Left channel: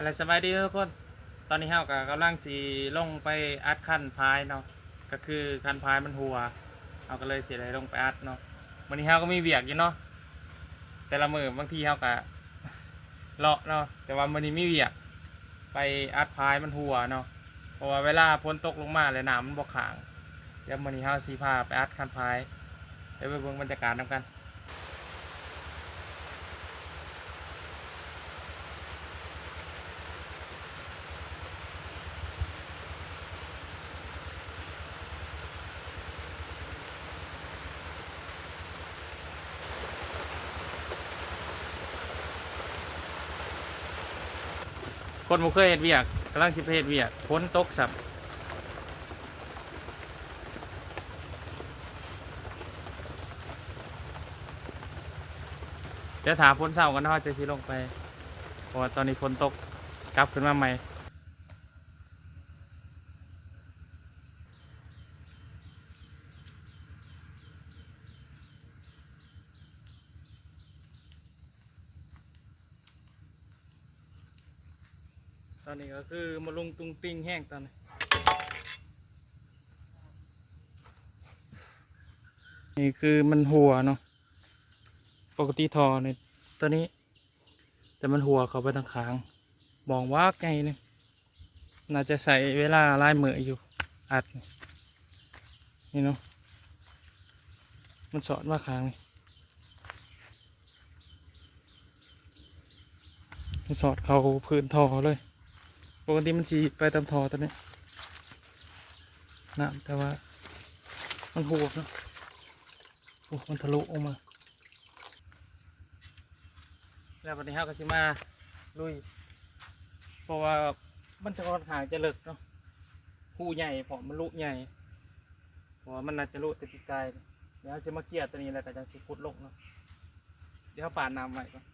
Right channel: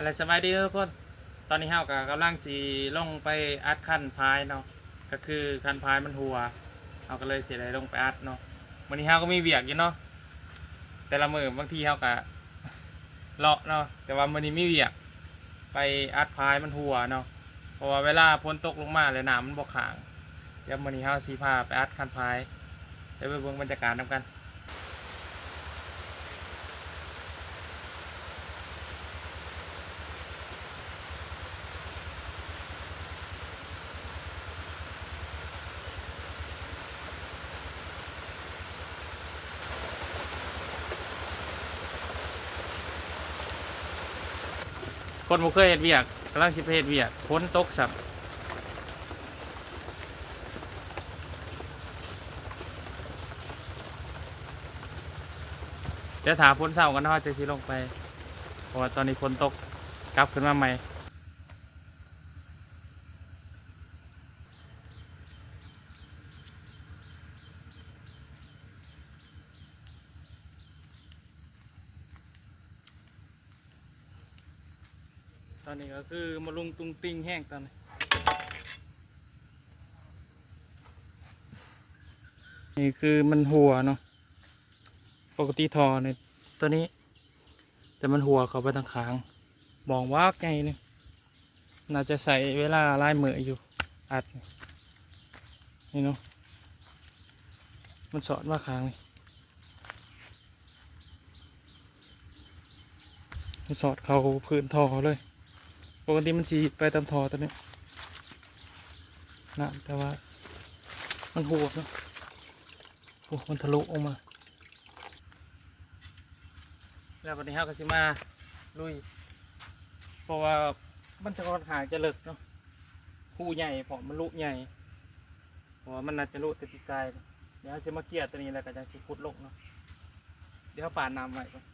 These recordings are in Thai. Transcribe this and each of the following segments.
อะไรสบายดีทุกคนตอนนี้เฮากับกำลังสีลงไปอัดคันพายเนาะก็คือคันพายมันหัวเฮาก็เลยเสียเลยลงไปอัดเนาะวันนี้เฮาก็มีเวียกอยู่เนาะแต่ละมือบางทีเฮาก็เลาะเนาะแต่ว่าวันนี้มีเวียกไปอัดพายมันหัวเนาะเพราะว่าเวลาฝนตกลงมาเลยน้ำมันบ่ขังเดี๋ยววันนี้เฮาสีพาไปอัดคันพายเดี๋ยวไปเบิ่งบรรยากาศนำกันคนบ่เคยเฮ็ดเวียกกำลังสิไปเฮ็ดเวียกฝนตกซับ เดี๋ยวถามพ้นเศร้ากันนะว่าจะชี้ลงไปเพราะว่าตอนนี้ฝนตกกลับขึ้นมาใหม่ตอนนี้ก็คือมาลุงตุงติงแห้งตอนนี้นี่คือมันหัวเนาะปกติทอในตัวนี้แต่มันหัวเขาไปทางค้างมองว่าไงเนี่ยน่าจะใส่เวลาลายมืออยู่อัดนี่เนาะมันสอดว่าค้างมันสอดเขาพื้นทอเลยปกติมันฉีไปตามทอตัวนี้นะแต่ว่ามันหัวเนาะโอ้มันทะลุออกมาแล้ววันนี้เราก็สิมาลุยเพราะว่ามันจะค่อนข้างจะเลิกเนาะหูใหญ่เพราะมันลุใหญ่เพราะว่ามันน่าจะลุติดใจเดี๋ยวจะมาเกี่ยตัวนี้แล้วก็จะสิพุดลงเนาะเดี๋ยวป่านน้ำไว้ก่อน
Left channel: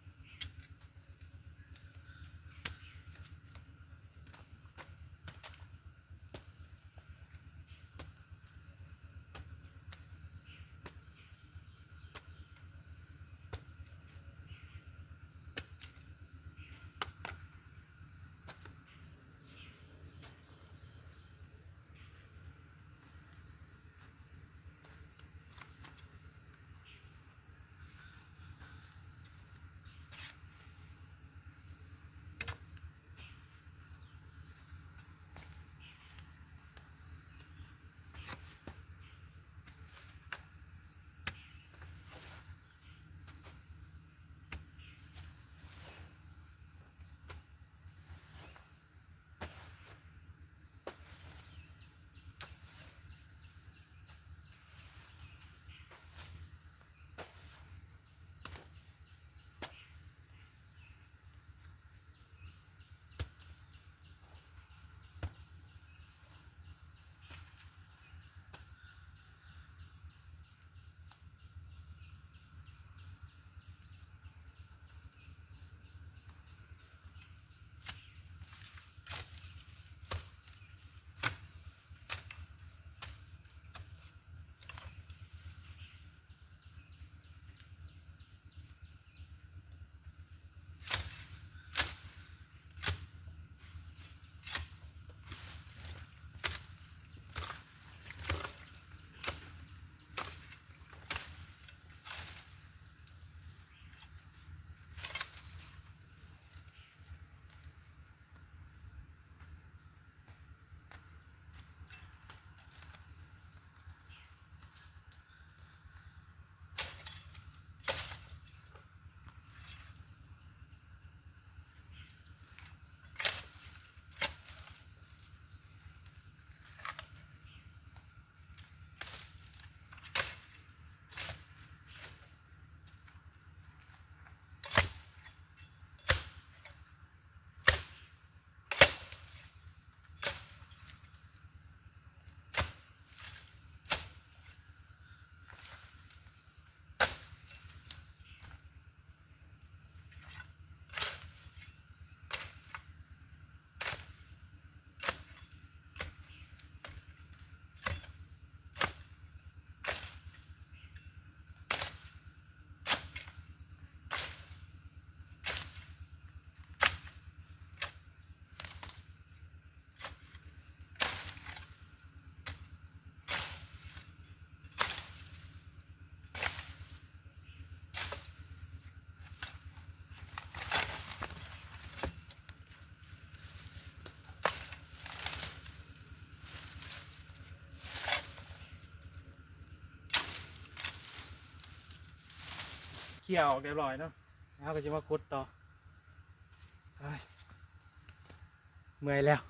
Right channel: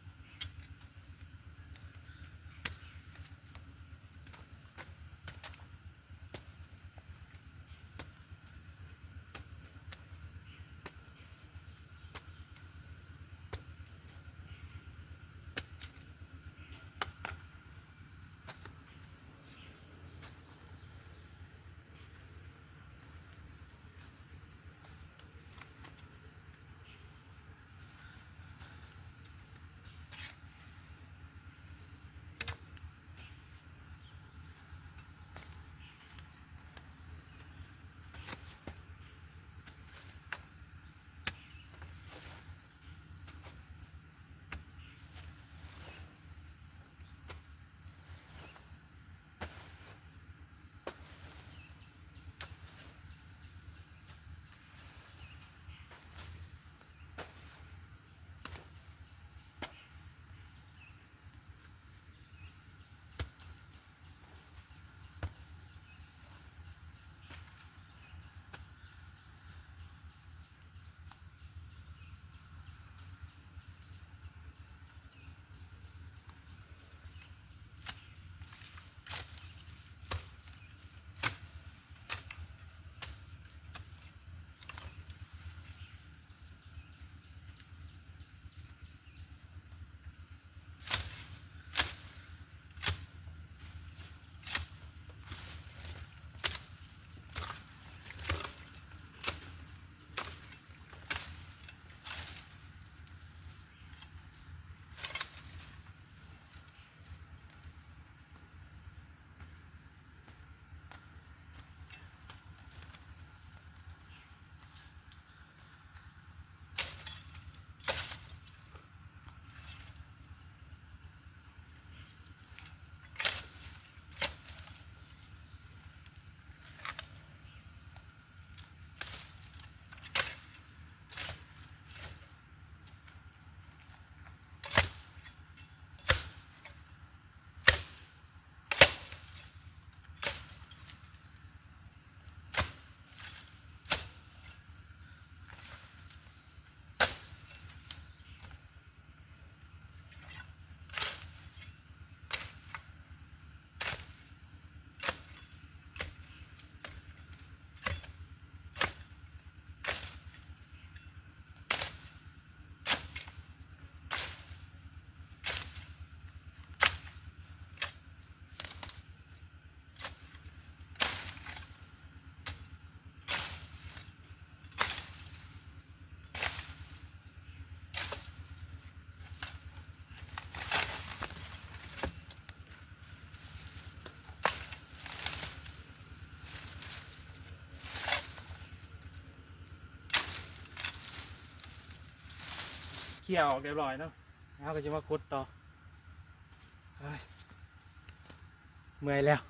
เคลียร์ออกเรียบร้อยเนาะแล้วก็จะมาขุดต่อเฮ้ยเมื่อยแล้ว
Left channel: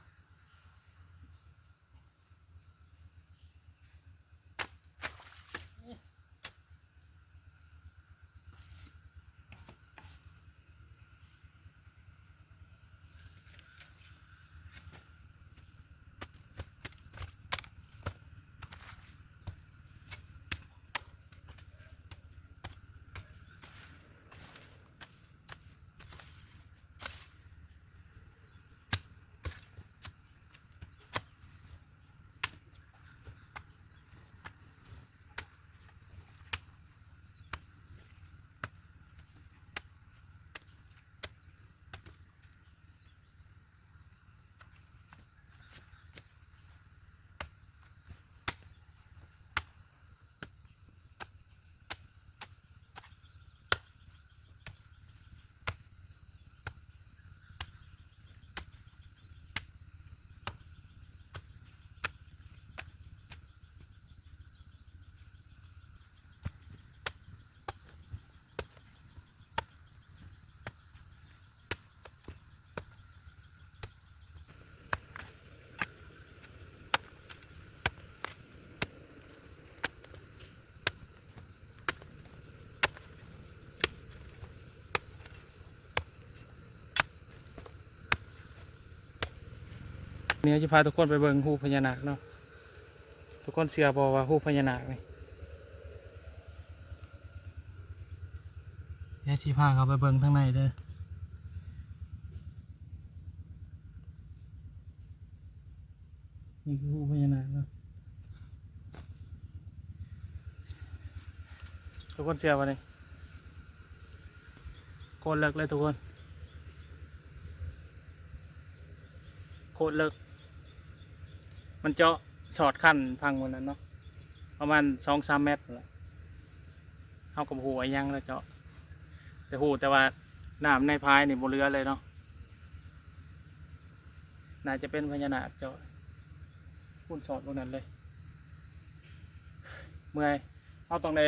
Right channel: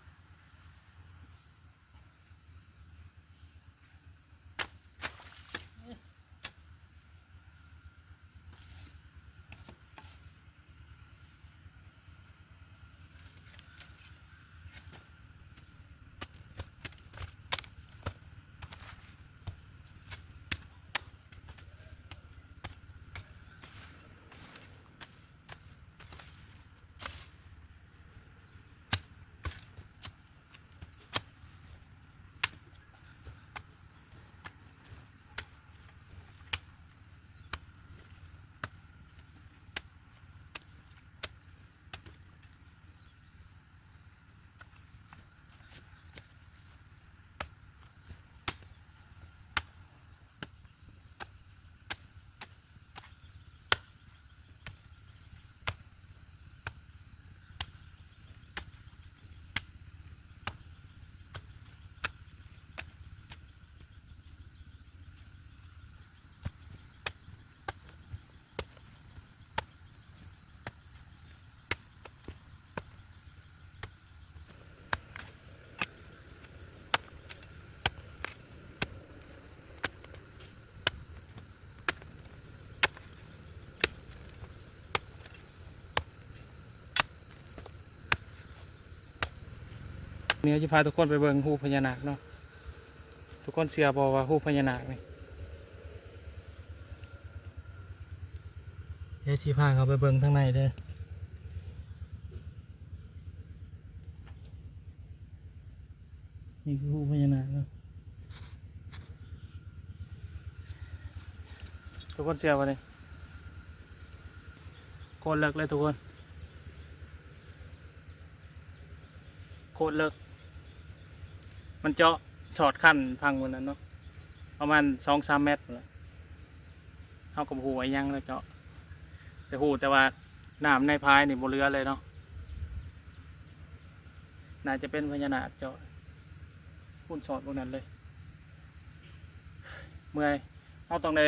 เนี่ยจะพาทุกคนไปเบิ่งหูพญานาคเนาะทุกคนเชื่อบอกว่าหูพญานาคนี่เดี๋ยวสิพาเขาไปเบิ่งข้างในเด้อนี่คือหูพญานาคเนาะทุกคนเชื่อป่ะเนี่ยโคตรเลิกเลยทุกคนโคตรเลิกมันเจาะสอดขั้นพังวันนั้นเนาะประมาณ2-3 เมตรเลยเข้ากับหูไอ้ยังแล้วเจาะแต่หูแต่ว่าน้ำในพายนี่บนเรือเลยเนาะน่าจะเป็นพญานาคเจาะพุ่นสอดพวกนั้นเลยเมื่อยเขาต้องได้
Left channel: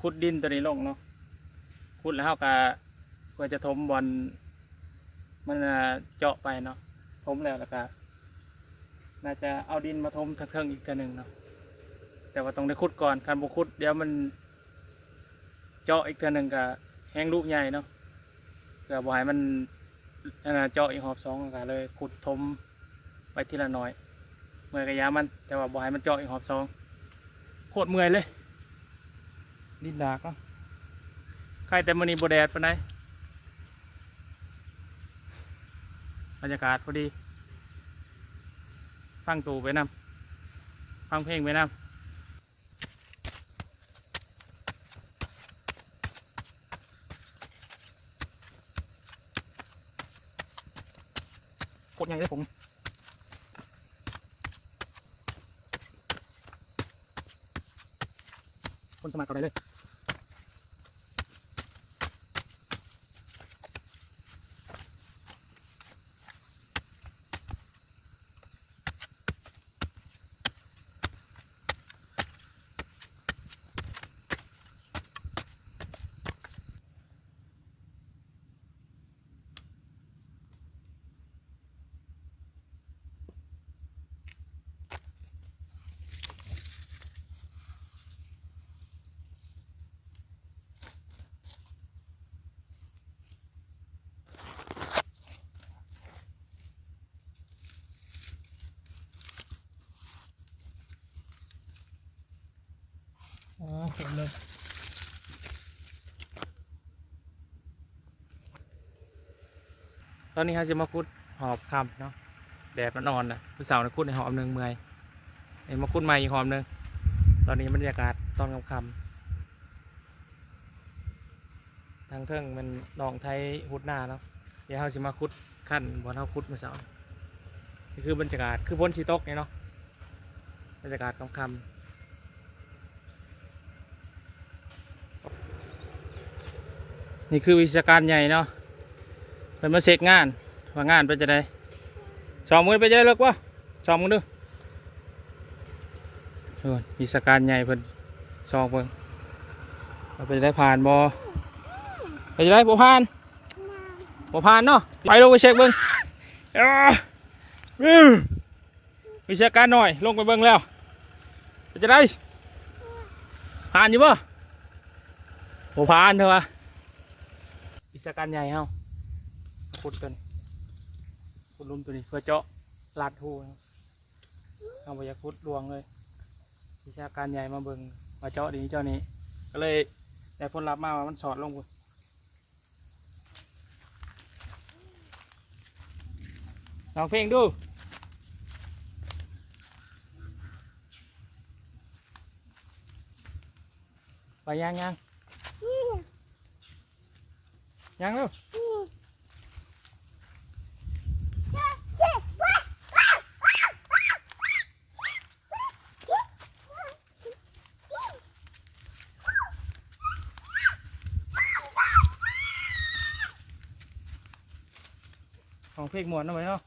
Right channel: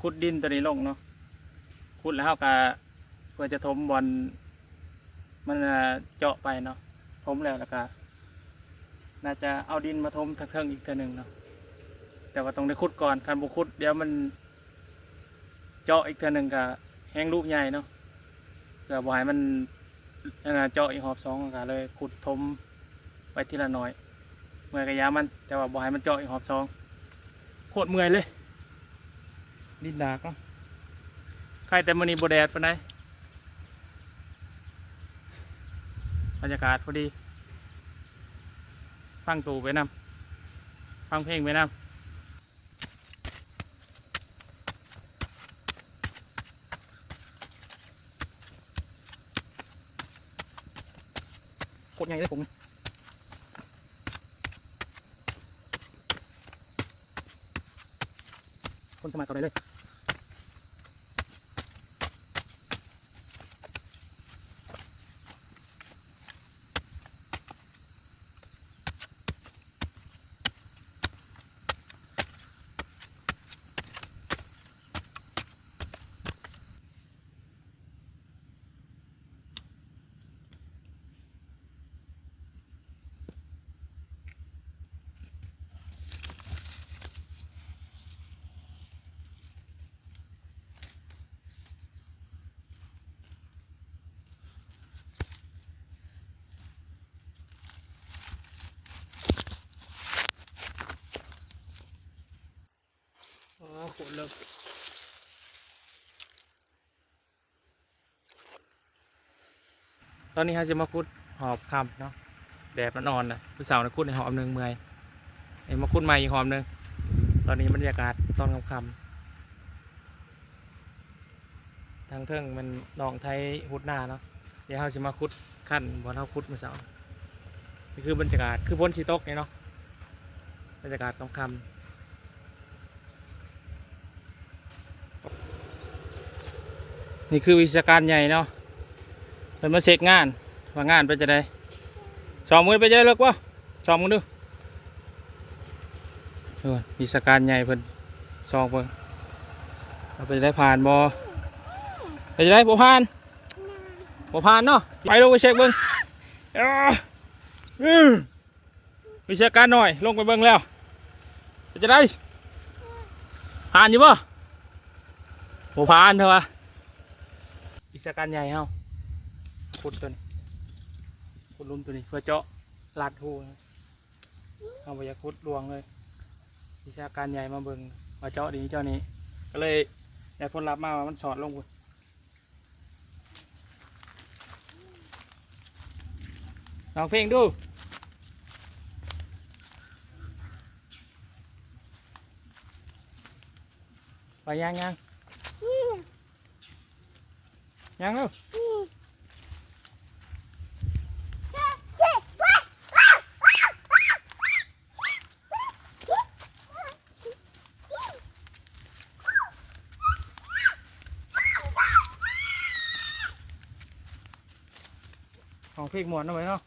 ขุดดินตัวนี้ลงเนาะขุดแล้วเขาก็เพื่อจะถมบอลมันเจาะไปเนาะถมแล้วก็น่าจะเอาดินมาถมทักเทิงอีกตัวหนึ่งเนาะแต่ว่าต้องได้ขุดก่อนการบุขุดเดี๋ยวมันเจาะอีกตัวหนึ่งก็แห้งลูกใหญ่เนาะเพื่อบ่ให้มันเจาะอีกหอบ 2ก็เลยขุดถมไปทีละน้อยเมื่อยกระยามันแต่ว่าบ่ให้มันเจาะอีกหอบ 2โคตรเมื่อยเลยดินดากเนาะใครแต่มื้อนี้บ่แดดปานใดบรรยากาศพอดีฟังตู่ไปนำฟังเพลงไปนำโคตรใหญ่เลยผมคนสมัครต่อไปเลยโอ้โหเลิกตอนนี้เขาจะมาคุดหอบคำเนาะแดดมันอ่อนนะผู้สาวนะคุดในหอบหนึ่งเมื่อยไอ้มาคุดใหม่อีกหอบหนึ่งตอนนี้บรรยากาศตอนค่ำทางเทิงมันหนองไทยหุดหน้าเนาะเดี๋ยวเขาจะมาคุดขั้นบอลเขาคุดผู้สาวนี่คือบรรยากาศคือพ้นชีตกเนี่ยเนาะบรรยากาศค่ำนี่คือวิชาการใหญ่เนาะเป็นมาเสกงานว่างานไปจะได้2 มื้อไปจะได้เลิกวะ2 มื้อดูวิชาการใหญ่เพิ่น2 เพิ่นเราไปได้ผ่านบ่ ไปจะได้บ่ผ่านเนาะไปลงไปเช็คเบิ้งวิชาการหน่อยลงไปเบิ้งแล้วไปจะได้ผ่านอยู่ป่ะบ่ผ่านเถอะวะวิชาการใหญ่เฮาขุดตัวนี้ขุดลุ่มตัวนี้เพื่อเจาะลาดหูเอาไปอยากขุดลวงเลยวิชาการใหญ่มาเบิ้งมาเจาะดีเจ้านี้ก็เลยได้ผลลัพธ์มาว่ามันสอดลงพุ่นลองเพลงดูไปยังลูกของเพลงหมวนเอาไว้เนาะ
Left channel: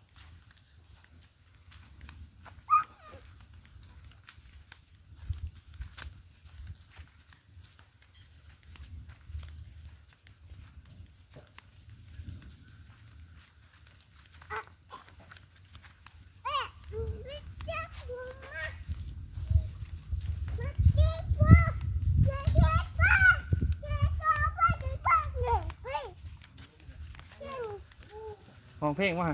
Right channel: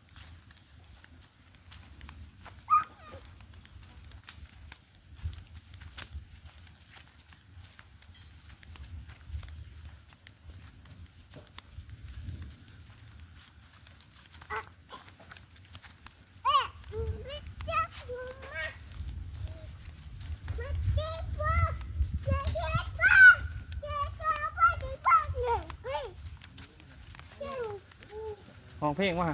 ของเพลงว่า